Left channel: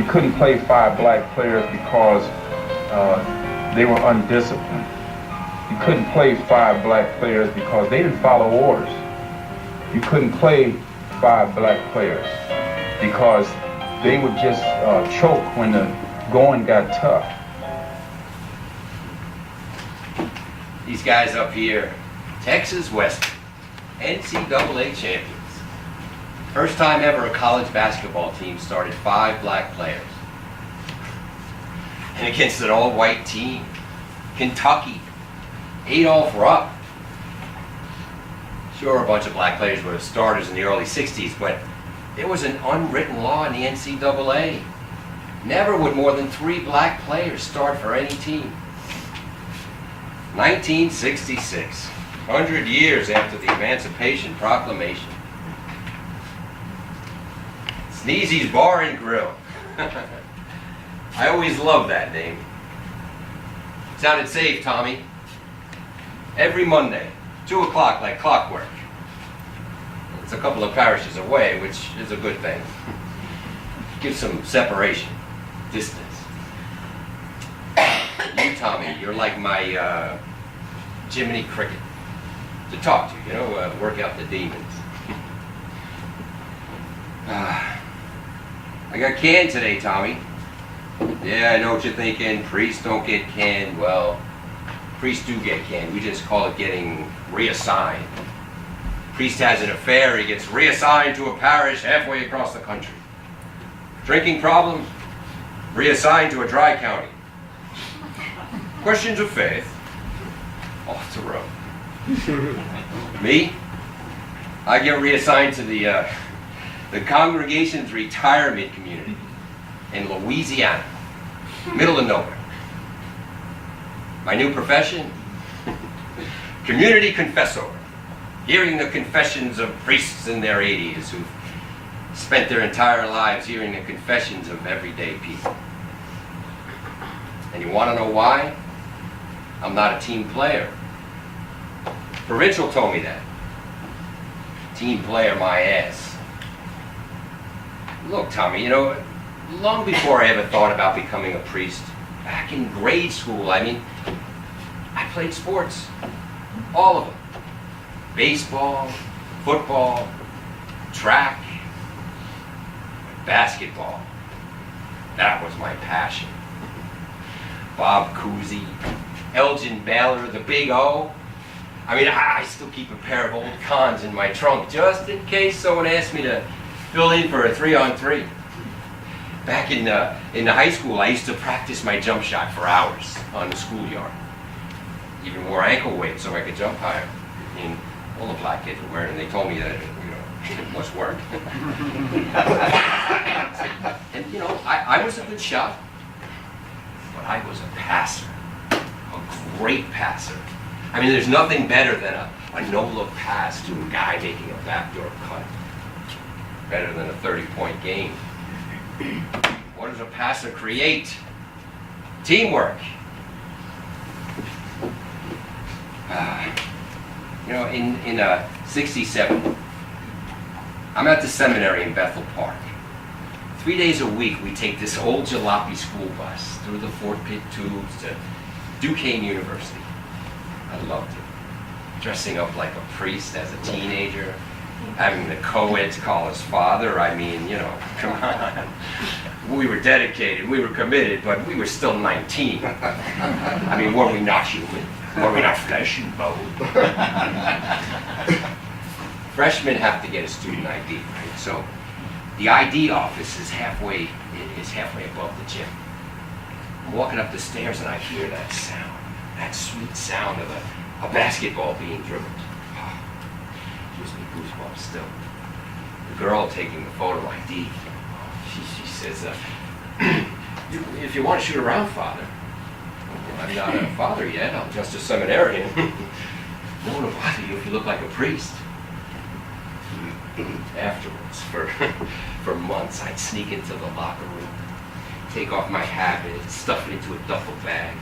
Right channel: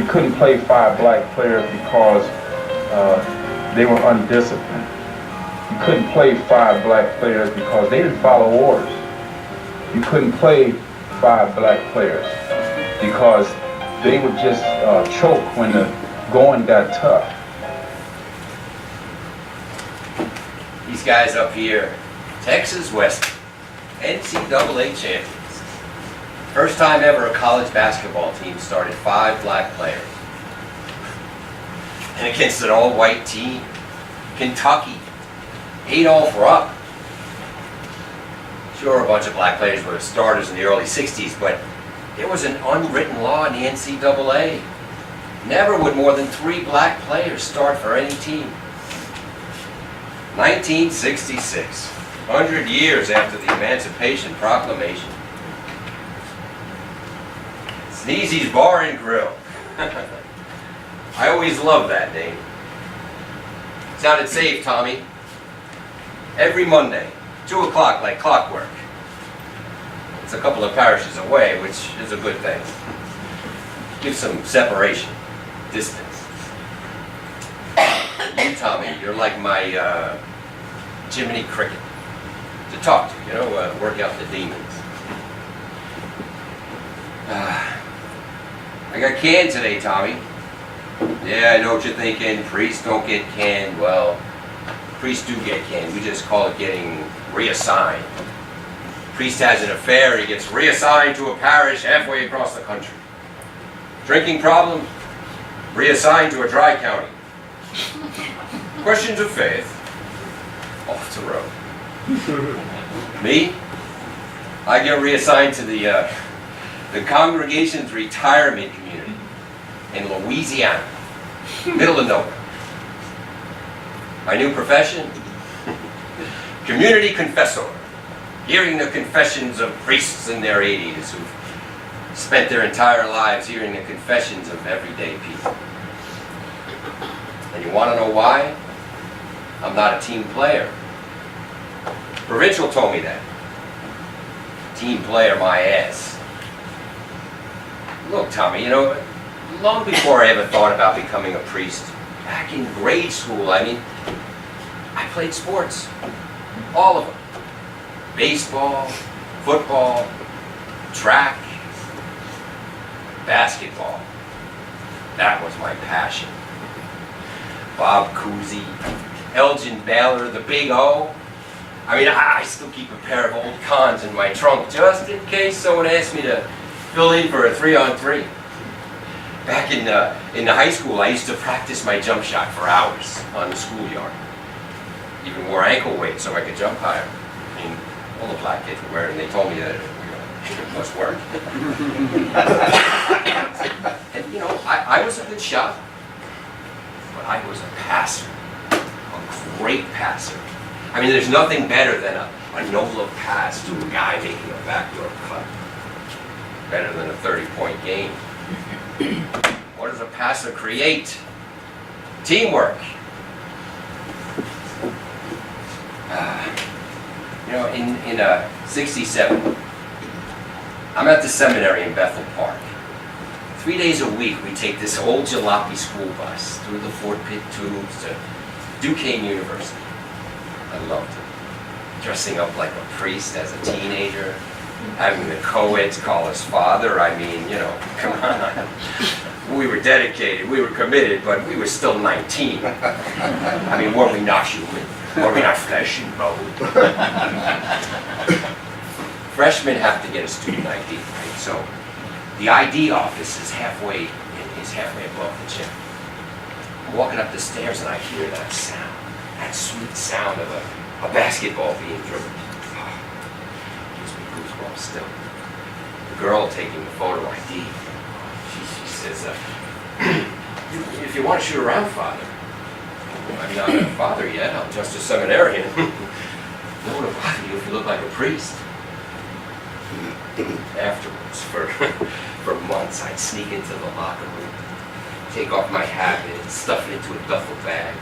You couldn't play 5 black players because they were undisciplined. You couldn't play 5 black players because they didn't follow orders. You couldn't play 5 black players because they would just choke when the going got tough. These guys up here, Texas Western, NCAA champions. First time ever a college basketball team started 5 black players. And against an all-white team, Kentucky, Adolph Rupp. Sure, a bunch of black players were starters in the early 60s, but there was an unwritten law in the NCAA. Never would more than 3 black players start for any team. 1966, 100 years after the Emancipation Proclamation. Sneezy's Bar and Grill. I always loved that name. Sounded safe, Tommy. Every Monday, 2 o'clock like clockwork. It's a couple of parishes away, which is a good thing. Gives some separation, distance. You, Tommy, you're like my Jiminy Cricket to talk to, work out the demons. I got canned today, Tommy. Yeah, I know what you're thinking. Priests don't get canned. Well, priests do get canned. We just call it getting reassigned. Priest has an affair, he gets reassigned to a parish halfway across the country. Drinking problem, reassigned to a dry county. Questions of faith, off the road. Me? I get reassigned to the congregation's retirement community in Louisiana, middle of nowhere. My new profession? Community confessor. Hearing the confessions of priests in their 80s who've spent their entire lives hearing the confessions of everyday people. And you want to know why? I'm not a team player. Provincial told me that. Team player my ass. Look, Tommy, long before I ever thought about becoming a priest, back in grade school, I played sports. All of them. Baseball, football, track, basketball. That was my passion. Bob Cousy, Elgin Baylor, the Big O. I still keep a pair of old cons in my trunk just in case someone asks me to fill in for a 3-on-3. Back in the high school, I used to practice my jump shot for hours on the schoolyard. Even wore ankle weights so I could jump higher. All the black kids were wearing, and they told me that it must work. And I was a good shot, but I was a passer, a great passer. There's nothing better than a no-look pass to a guy making a backdoor cut. Better than a 30-point game. What does a passer create? Teamwork. In 67, I'm at the seminary in Bethel Park. 3 days a week, we take this old jalopy school bus through the Fort Pitt tubes to Duquesne University. I loved it. Dressing up like a priest as a teenager, having the co-eds call us father. Come on. We were dedicated, we were committed, but we were still 19. Were we not human? Were we not flesh and bone? Freshmen have to get a student ID, right? So the ID office is halfway above the gym. I'm walking up the stairs and I hear that sound, that sweet sound of a basketball being dribbled. Oh, gives me goosebumps still. The girl taking the photo ID, she says, if you want to shoot around, Father. Well, I'm not a father yet, I'm just a seminarian. What would bother you if you look like a priest? Afterwards, for months, I'd sneak into the locker room, take off my habit, stuff it into a duffel bag,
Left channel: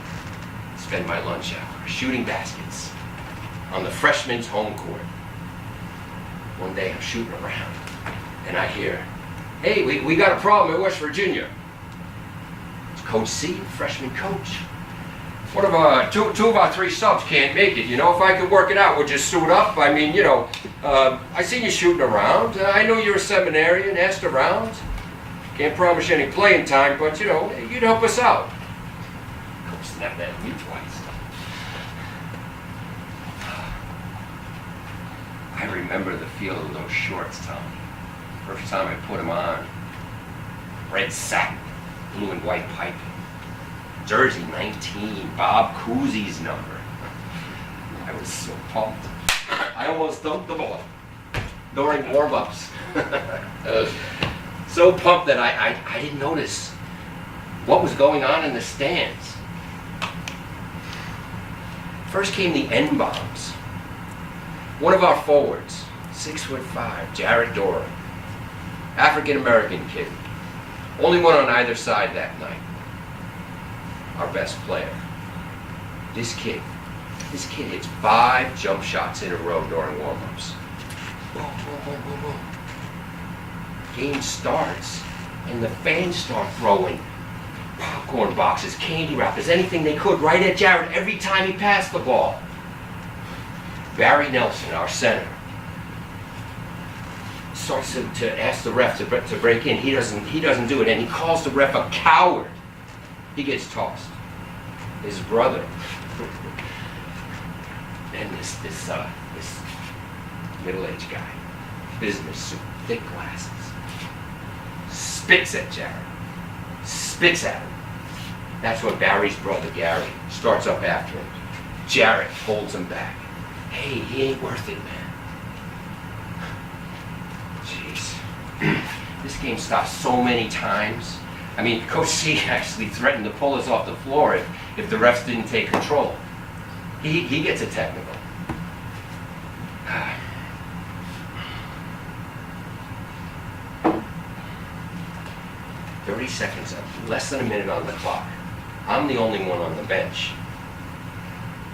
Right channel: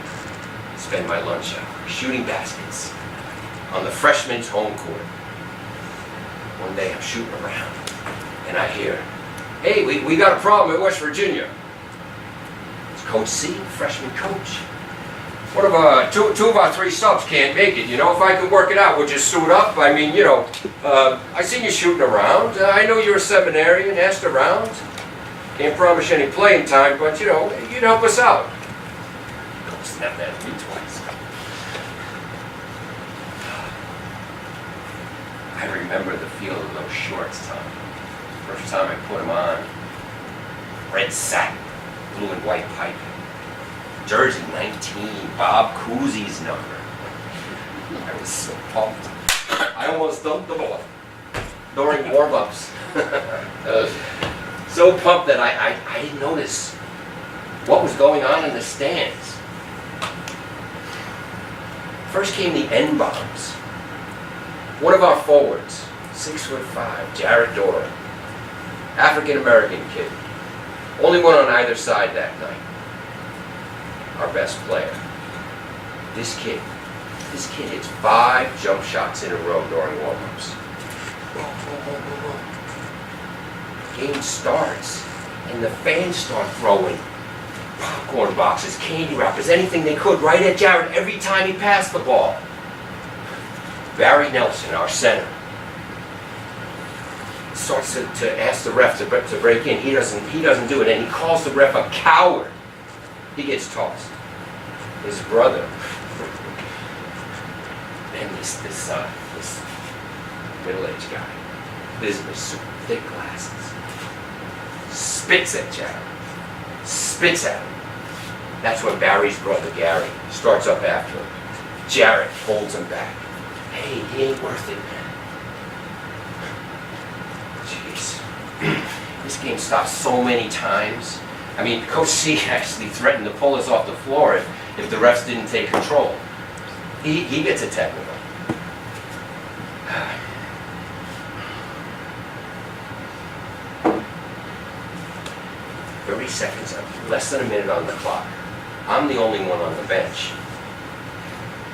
spend my lunch hour shooting baskets on the freshman's home court. One day I'm shooting around, and I hear, Hey, we got a problem in West Virginia. It's Coach C, freshman coach. One of two of our three subs can't make it. You know, if I can work it out, we'll just suit up. I mean, you know, I seen you shooting around. I know you're a seminarian, asked around. Can't promise you any playing time, but, you know, you'd help us out. Coach snapped at me twice. I remember the feel of those shorts, Tom. First time I put them on. Red satin, blue and white piping. Jersey 19, Bob Cousy's number. I was so pumped. I almost dumped the ball during warm-ups. So pumped that I didn't notice what was going on in the stands. First came the N-bombs. One of our forwards, 6'5", Jared Doran, African-American kid. Only one on either side that night. Our best player. This kid hits 5 jump shots in a row during warm-ups. Game starts, and the fans start throwing popcorn boxes, candy wrappers, anything they could right at Jared every time he passed the ball. Barry Nelson, our center, starts to ask the ref to break in. He doesn't do it, and he calls the ref a coward. He gets tossed. His brother, and this middle-aged guy, business suit, thick glasses, spits at Jared. Spits at him. That's when Barry's brother, Gary, starts up after him. Jared holds him back. Hey, he ain't worth it, man. Jeez. This game stopped so many times. I mean, Coach C actually threatened to pull us off the floor if the refs didn't take control. He gets a technical. 30 seconds, less than a minute on the clock. I'm the only one on the bench.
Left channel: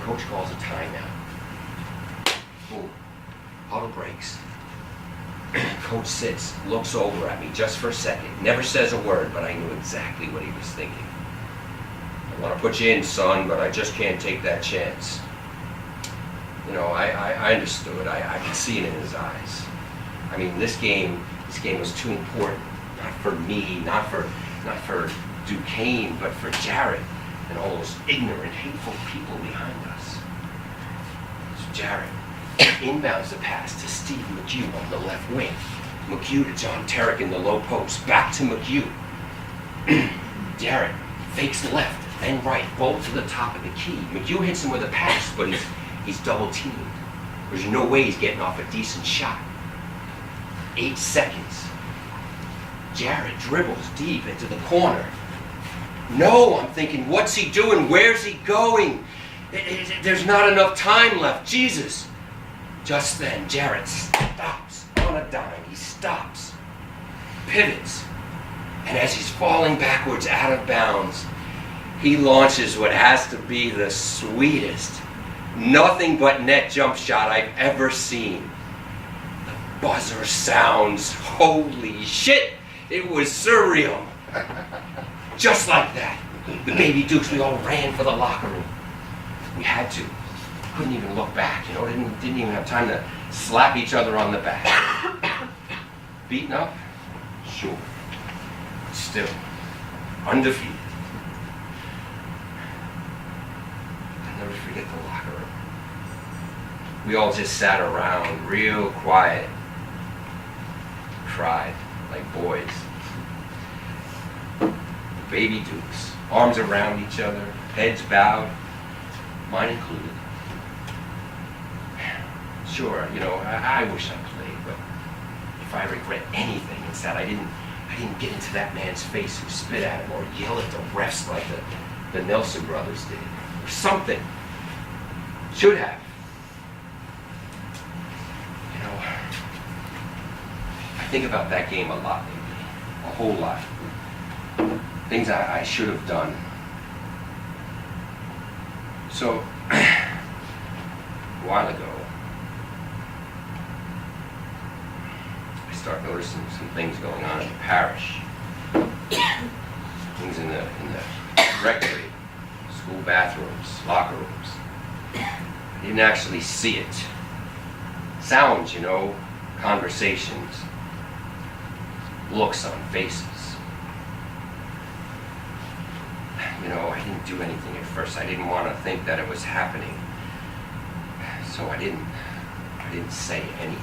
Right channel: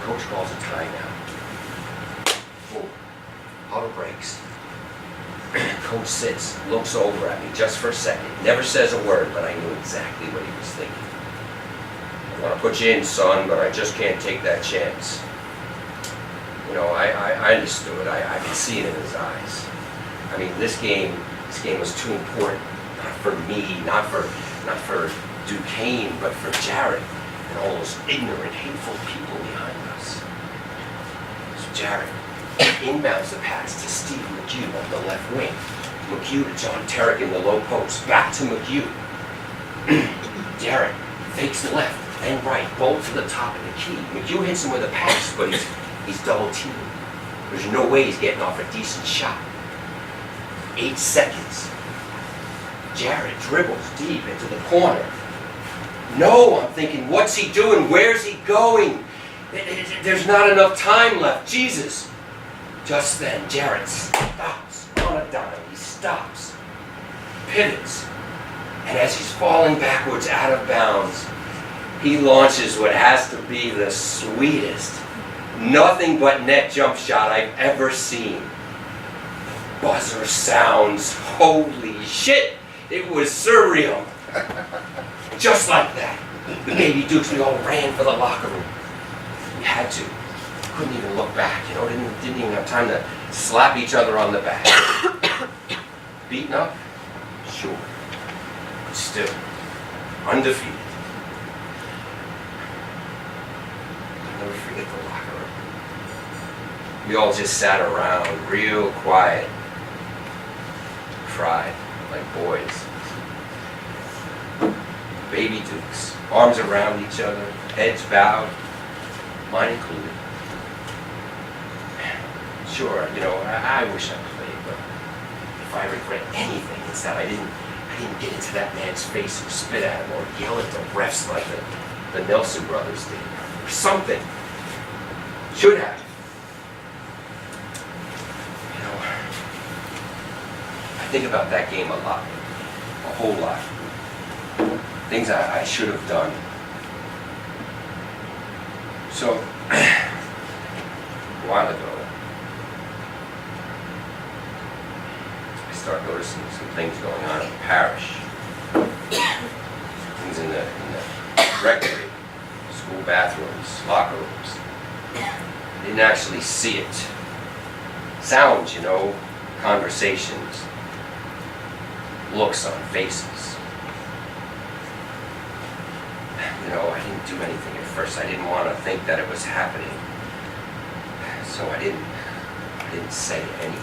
Coach calls a timeout. Boom. Huddle breaks. Coach sits, looks over at me just for a second. Never says a word, but I knew exactly what he was thinking. I want to put you in, son, but I just can't take that chance. You know, I understood. I could see it in his eyes. I mean, this game was too important. Not for me, not for Duquesne, but for Jared and all those ignorant, hateful people behind us. So Jared inbounds the pass to Steve McHugh on the left wing. McHugh to John Terrick in the low post. Back to McHugh. Jared fakes left, then right, both to the top of the key. McHugh hits him with a pass, but he's double teamed. There's no way he's getting off a decent shot. 8 seconds. Jared dribbles deep into the corner. No, I'm thinking, what's he doing? Where's he going? There's not enough time left. Jesus. Just then, Jared stops on a dime. He stops, pivots, and as he's falling backwards out of bounds, he launches what has to be the sweetest, nothing but net jump shot I've ever seen. The buzzer sounds. Holy shit! It was surreal. Just like that. The baby Dukes, we all ran for the locker room. We had to. Couldn't even look back, you know, didn't even have time to slap each other on the back. Beaten up? Sure. But still, undefeated. I'll never forget the locker room. We all just sat around, real quiet. Cried like boys. Baby Dukes, arms around each other, heads bowed, mine included. Sure, you know, I wish I played, but if I regret anything, it's that I didn't get into that man's face and spit at him or yell at the refs like the Nelson brothers did, or something. Should have. You know, I think about that game a lot, a whole lot. Things I should have done. So, a while ago, I start noticing some things going on in the parish. Things in the rectory, school bathrooms, locker rooms. I didn't actually see it. Sounds, you know, conversations, looks on faces. You know, I didn't do anything at first. I didn't want to think that it was happening. So I didn't say anything.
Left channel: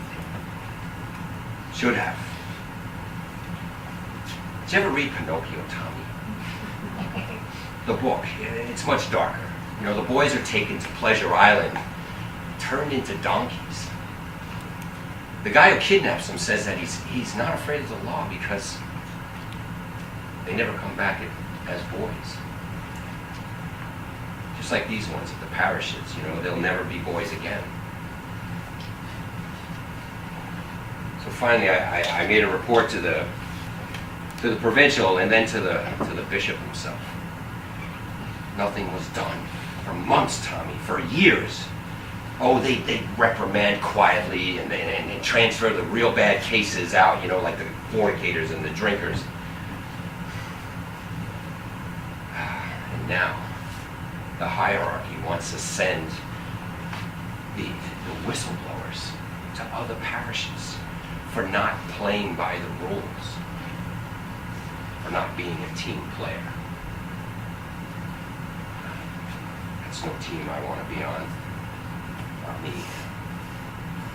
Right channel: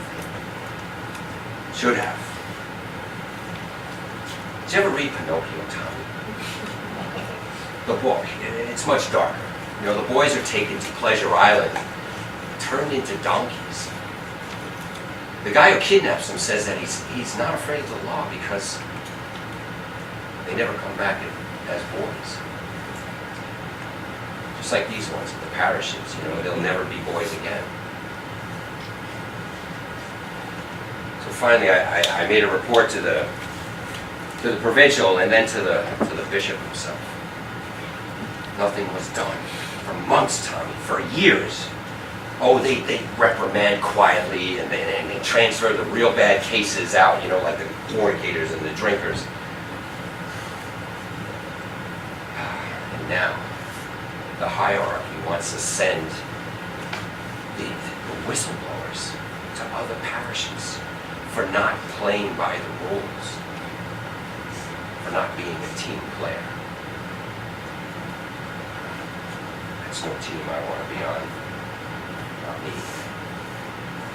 Should have. Did you ever read Pinocchio, Tommy? The book, it's much darker. You know, the boys are taken to Pleasure Island, turned into donkeys. The guy who kidnaps them says that he's not afraid of the law because they never come back as boys. Just like these ones, the parishes, you know, they'll never be boys again. So finally, I made a report to the provincial and then to the bishop himself. Nothing was done for months, Tommy, for years. Oh, they reprimand quietly and transfer the real bad cases out, you know, like the fornicators and the drinkers. And now, the hierarchy wants to send the whistleblowers to other parishes for not playing by the rules, for not being a team player. That's no team I want to be on. Not me.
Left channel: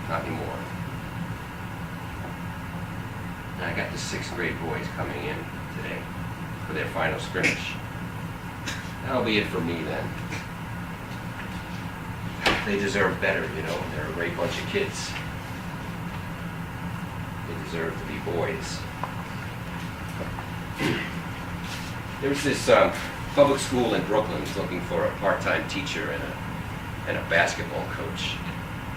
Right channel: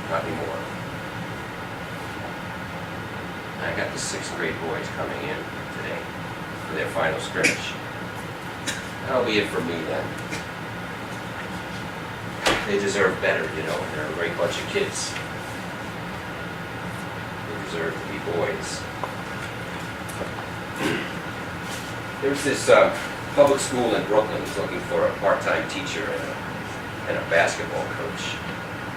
Not anymore. I got the 6th grade boys coming in today for their final scrimmage. That'll be it for me then. They deserve better, you know. They're a great bunch of kids. They deserve to be boys. There's this public school in Brooklyn looking for a part-time teacher and a basketball coach.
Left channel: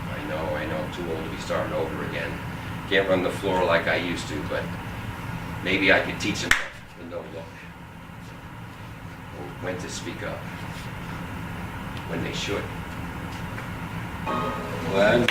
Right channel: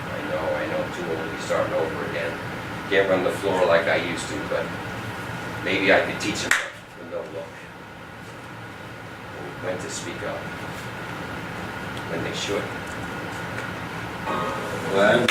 I know, too old to be starting over again. Can't run the floor like I used to, but maybe I could teach them the no look. When to speak up. When they should. Well,